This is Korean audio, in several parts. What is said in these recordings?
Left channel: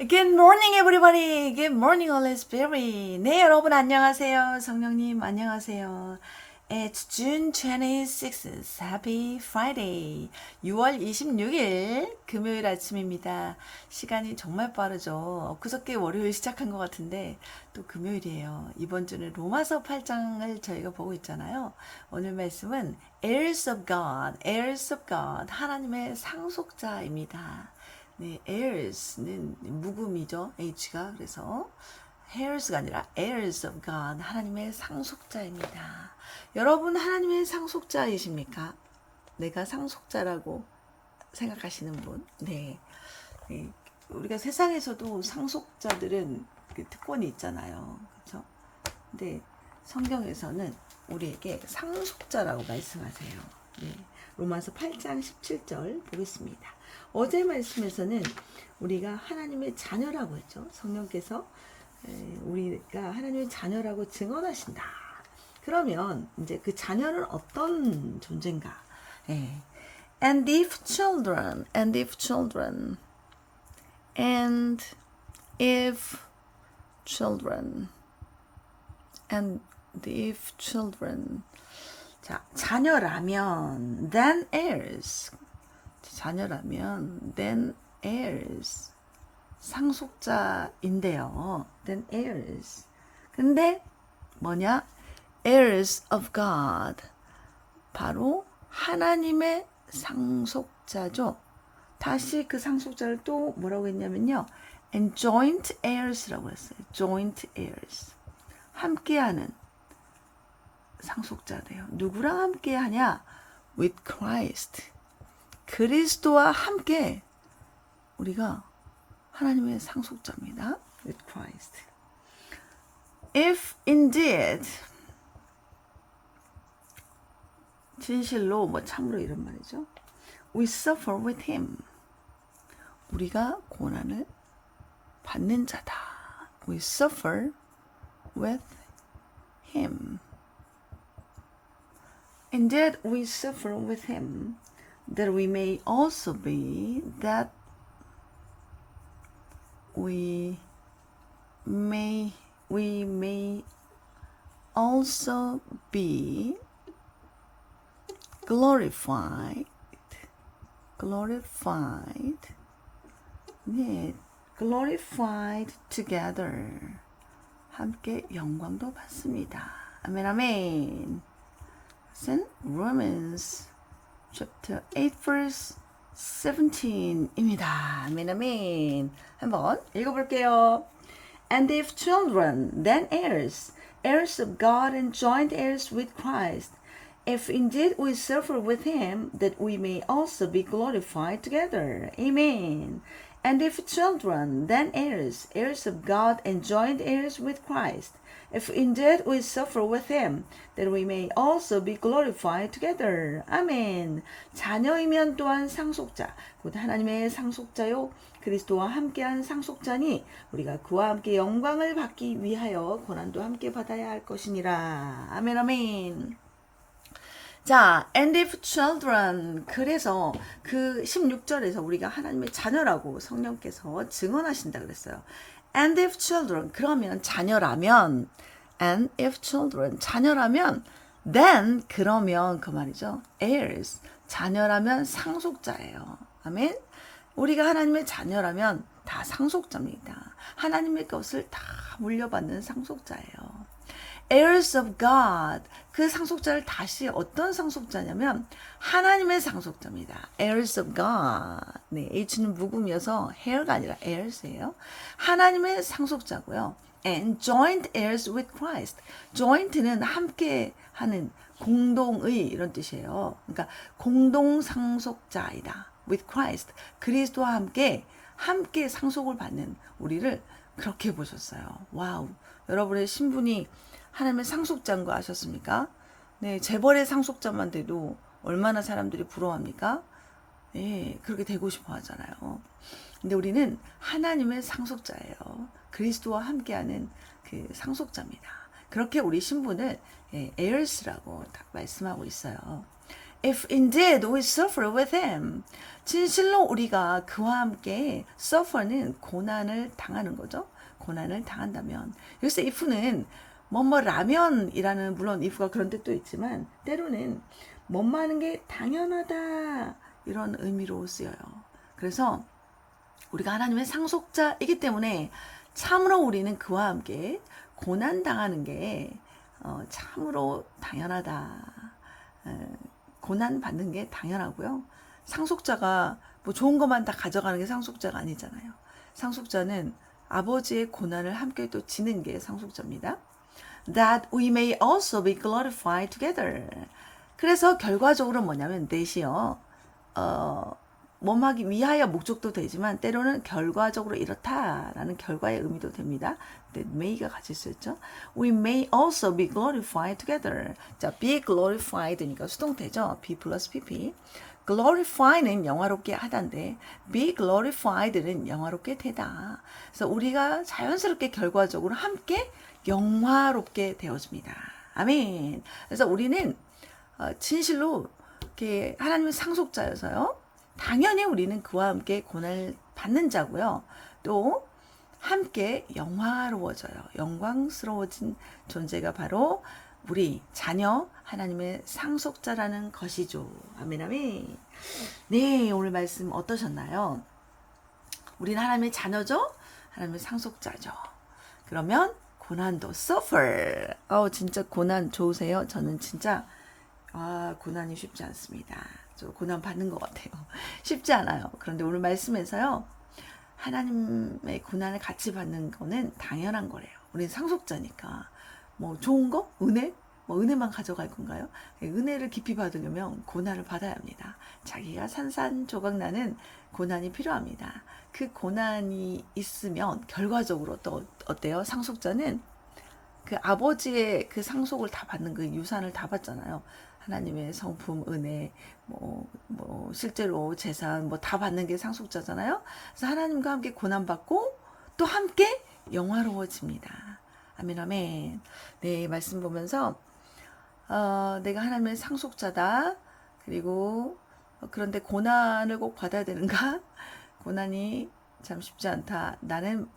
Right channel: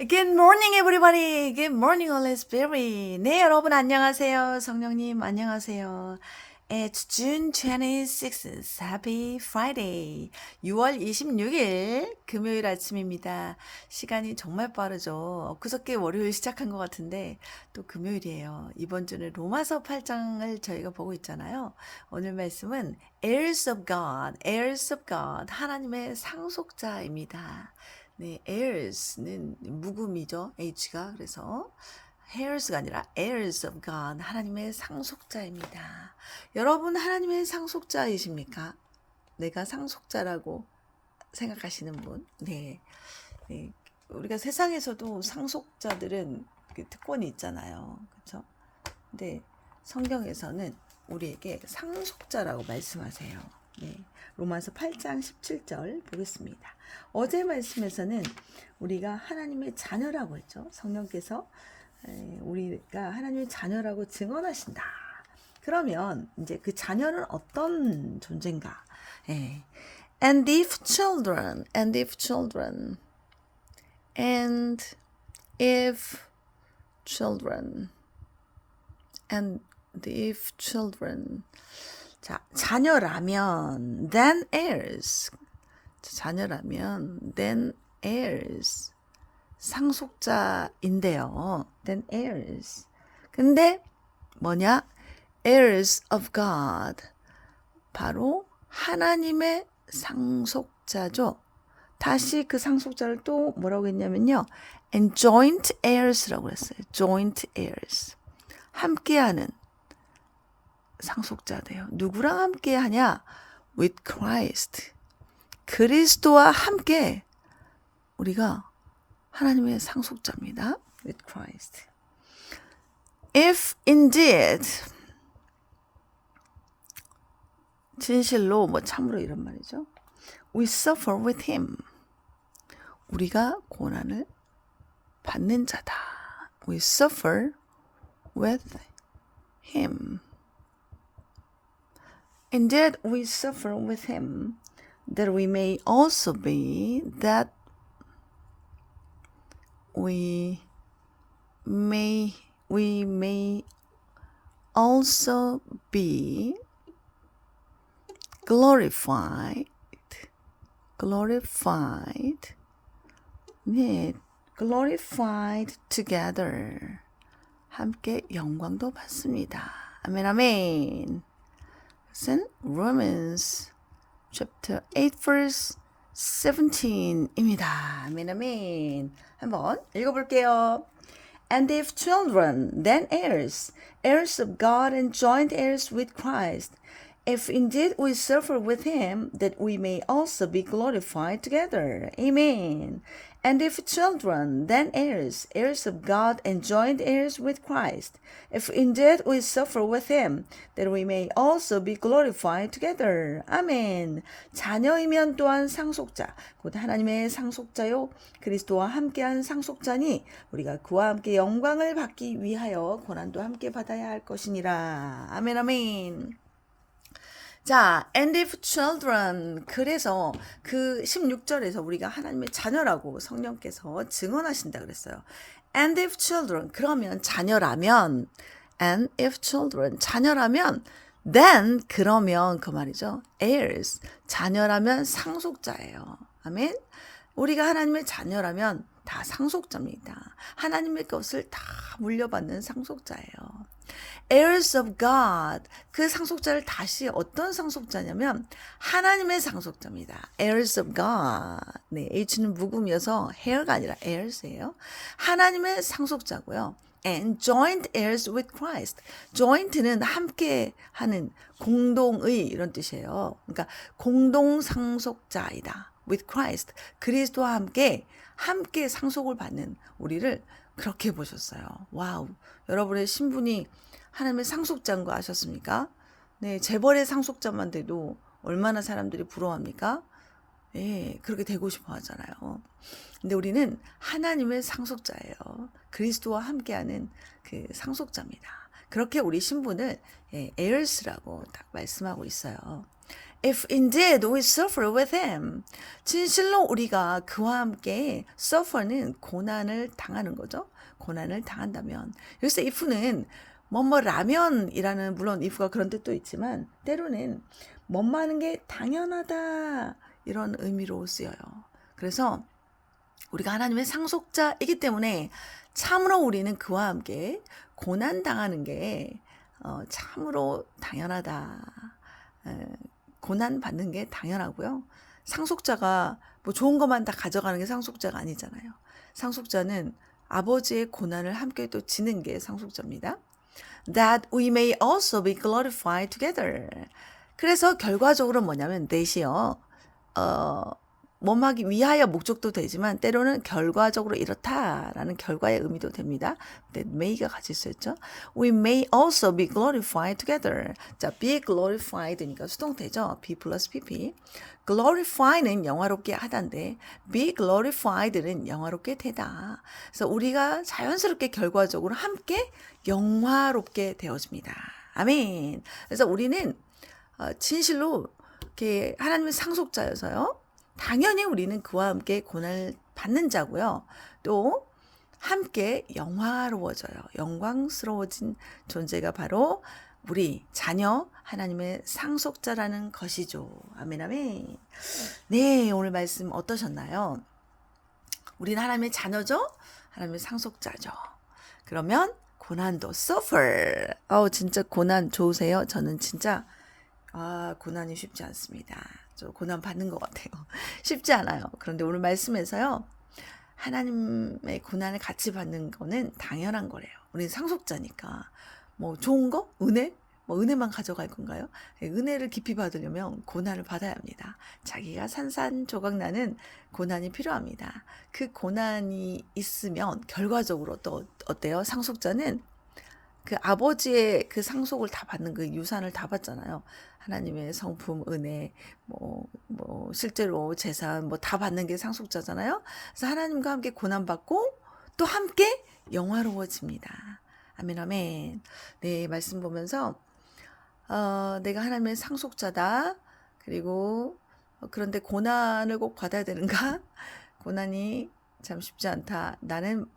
Good morning, everybody. Good morning, Holy Spirit. 네, 여러분 안녕하세요. 성령님 안녕하세요. It's June 26th. Happy Friday. 6월 26일 금요일 아침입니다. 시간이 정말 빠르죠. 엊그저께 월요일 시작한 것 같은데 또 금요일이에요. 이번 주는 로마서 8장을 저희가 보고 있잖아요. 오늘 말씀은 heirs of God, heirs of God, 하나님의 상속자입니다. 네, heirs는 묵음이죠. H가. 그래서 heirs가 아니라 heirs of God, 하나님의 상속자입니다. 여러분 하나님의 상속자이십니까? 내가 상속자라고 생각하시는 분? 네. 네. 우리가 세상에서도 상속자들은 그 특권이 있잖아요. 그렇죠? 근데 성경에서는 우리에게 상속자라고 말씀하세요. 네. 로마서 8장 17절 보겠습니다. 어제 말씀에서는 우리가 하나님의 자녀라고 했죠. 성령께서 우리가 하나님의 자녀라고 증언하신다. 그러면 이제 그 자녀는 어떤 존재인가? 예. And if children, and if children, and if children, and if children. 자, 자녀라면 then heirs. 자녀라면 then heirs. 상속자인데요. then heirs. 근데 뭐냐? heirs of God. 바로 하나님의 상속자죠. 다시 그 상속자를 또 뭐라고 했냐면요. and joint heirs라고 했어요. joint heirs. 함께하는 상속자돼요. 누구랑 함께하냐? with Christ. 그리스도와 함께 우리가 하나님의 상속자입니다. with Christ. if indeed 진실로 뭐 참으로 이런 말이죠. we suffer with him. 우리가 고난을 받는 자다. we suffer with him. Indeed, we suffer with him, that we may also be, that we may also be glorified, 네, glorified together. 함께 영광도 받습니다. 아멘, 아멘. 것은 Romans chapter 8 verse 17입니다. 아멘, 아멘. 한번 읽어볼게요. And if children, then heirs, heirs of God and joint heirs with Christ, if indeed we suffer with him, that we may also be glorified together. Amen. And if children, then heirs, heirs of God and joint heirs with Christ, if indeed we suffer with him, that we may also be glorified together. 아멘. 자녀이면 또한 상속자, 곧 하나님의 상속자요 그리스도와 함께한 상속자니 우리가 그와 함께 영광을 받기 위하여 고난도 함께 받아야 할 것이니라. 아멘, 아멘. 자, and if children. 그래서 그 16절에서 우리가 하나님의 자녀라고 성령께서 증언하신다 그랬어요. And if children. 그러면 자녀라면, and if children. 자녀라면, then. 그러면 그 말이죠. heirs. 자녀라면 상속자예요. 아멘. 우리가 하나님의 자녀라면 다 상속자입니다. 하나님의 것을 다 물려받는 상속자예요. heirs of God. 그 상속자를 다시 어떤 상속자냐면 하나님의 상속자입니다. heirs of God. 네, H는 묵음이어서 hair가 아니라 heirs예요. 하나님의 상속자고요. and joint heirs with Christ. joint는 함께 하는 공동의 이런 뜻이에요. 그러니까 공동 상속자이다. with Christ. 그리스도와 함께 상속을 받는 우리를 그렇게 보셨어요. 와우. 여러분의 신분이 하나님의 상속자인 거 아셨습니까? 네, 재벌의 상속자만 돼도 얼마나 사람들이 부러워합니까? 네, 그렇게 되고 싶어 하잖아요. 근데 우리는 하나님의 상속자예요. 그리스도와 함께하는 그 상속자입니다. 그렇게 우리 신분을 heirs라고 딱 말씀하고 있어요. If indeed we suffer with him. 진실로 우리가 그와 함께 suffer는 고난을 당하는 거죠. 고난을 당한다면. 여기서 if는 뭐뭐라면이라는 물론 if가 그런 뜻도 있지만 때로는 뭐뭐하는 게 당연하다 이런 의미로 쓰여요. 그래서 우리가 하나님의 상속자이기 때문에 참으로 우리는 그와 함께 고난 당하는 게 참으로 당연하다. 고난 받는 게 당연하고요. 상속자가 뭐 좋은 것만 다 가져가는 게 상속자가 아니잖아요. 상속자는 아버지의 고난을 함께 또 지는 게 상속자입니다. That we may also be glorified together. 그래서 결과적으로 뭐냐면 that이요. 뭐하기 위하여 목적도 되지만 때로는 결과적으로 이렇다라는 결과의 의미도 됩니다. that may가 같이 쓰였죠. We may also be glorified together. 자, be glorified니까 수동태죠. be 플러스 pp. glorify는 영화롭게 하다인데 be glorified는 영화롭게 되다. 그래서 우리가 자연스럽게 결과적으로 함께 영화롭게 되어집니다. 아멘. 그래서 우리는 진실로 이렇게 하나님의 상속자여서요. 당연히 우리는 그와 함께 고난을 받는 자고요. 또 함께 영화로워져요. 영광스러워진 존재가 바로 우리 자녀 하나님의 상속자라는 것이죠. 아멘 아멘. 네, 오늘 말씀 어떠셨나요? 우리는 하나님의 자녀죠. 하나님의 상속자죠. 그러면 고난도 suffer. 진짜 고난 좋으세요? 저는 진짜 고난이 쉽지 않습니다. 저 고난 받는 것 같아요. 쉽지 않아요. 그런데 오늘 말씀에서요. 하나님의 고난을 같이 받는 거는 당연한 거래요. 우리는 상속자니까. 뭐 좋은 거? 은혜? 뭐 은혜만 가져갈 건가요? 은혜를 깊이 받으려면 고난을 받아야 합니다. 자기가 산산조각 나는 고난이 필요합니다. 그 고난이 있으면 결과적으로 또 어때요? 상속자는 그 아버지의 그 상속을 다 받는 그 유산을 다 받잖아요. 하나님의 성품, 은혜, 실제로 재산, 다 받는 게 상속자잖아요. 그래서 하나님과 함께 고난받고 또 함께 영화로워집니다. 아멘, 아멘. 네, 말씀 보면서, 내가 하나님의 상속자다. 그리고, 그런데 고난을 꼭 받아야 되는가? 고난이 참 쉽지 않다. 나는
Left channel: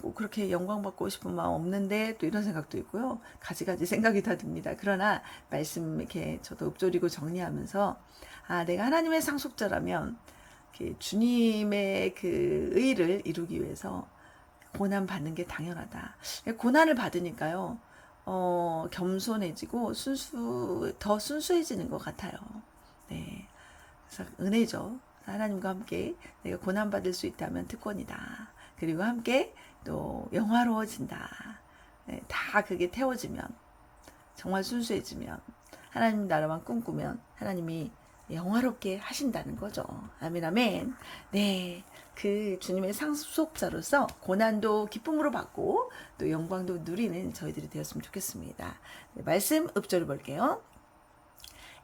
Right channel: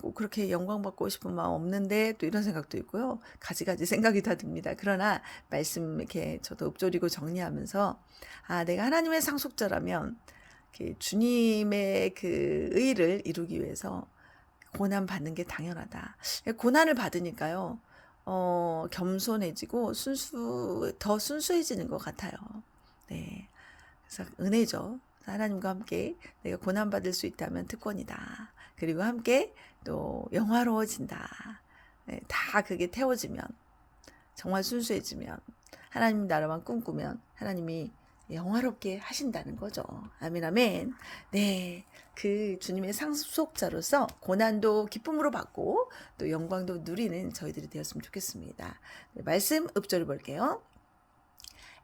꼭 그렇게 영광받고 싶은 마음 없는데 또 이런 생각도 있고요. 가지가지 생각이 다 듭니다. 그러나 말씀 이렇게 저도 읊조리고 정리하면서 내가 하나님의 상속자라면 주님의 그 의를 이루기 위해서 고난 받는 게 당연하다. 고난을 받으니까요. 겸손해지고 더 순수해지는 것 같아요. 네. 그래서 은혜죠. 하나님과 함께 내가 고난 받을 수 있다면 특권이다. 그리고 함께 또 영화로워진다. 네, 다 그게 태워지면 정말 순수해지면 하나님 나라만 꿈꾸면 하나님이 영화롭게 하신다는 거죠. 아멘 아멘. 네, 그 주님의 상속자로서 고난도 기쁨으로 받고 또 영광도 누리는 저희들이 되었으면 좋겠습니다. 네, 말씀 읊조려 볼게요.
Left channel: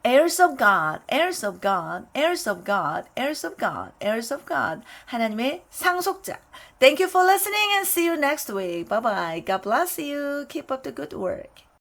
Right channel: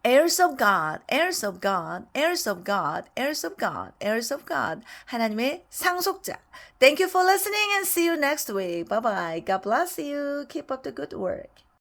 heirs of God, heirs of God, heirs of God, heirs of God, heirs of God. 하나님의 상속자. Thank you for listening and see you next week. Bye bye. God bless you. Keep up the good work.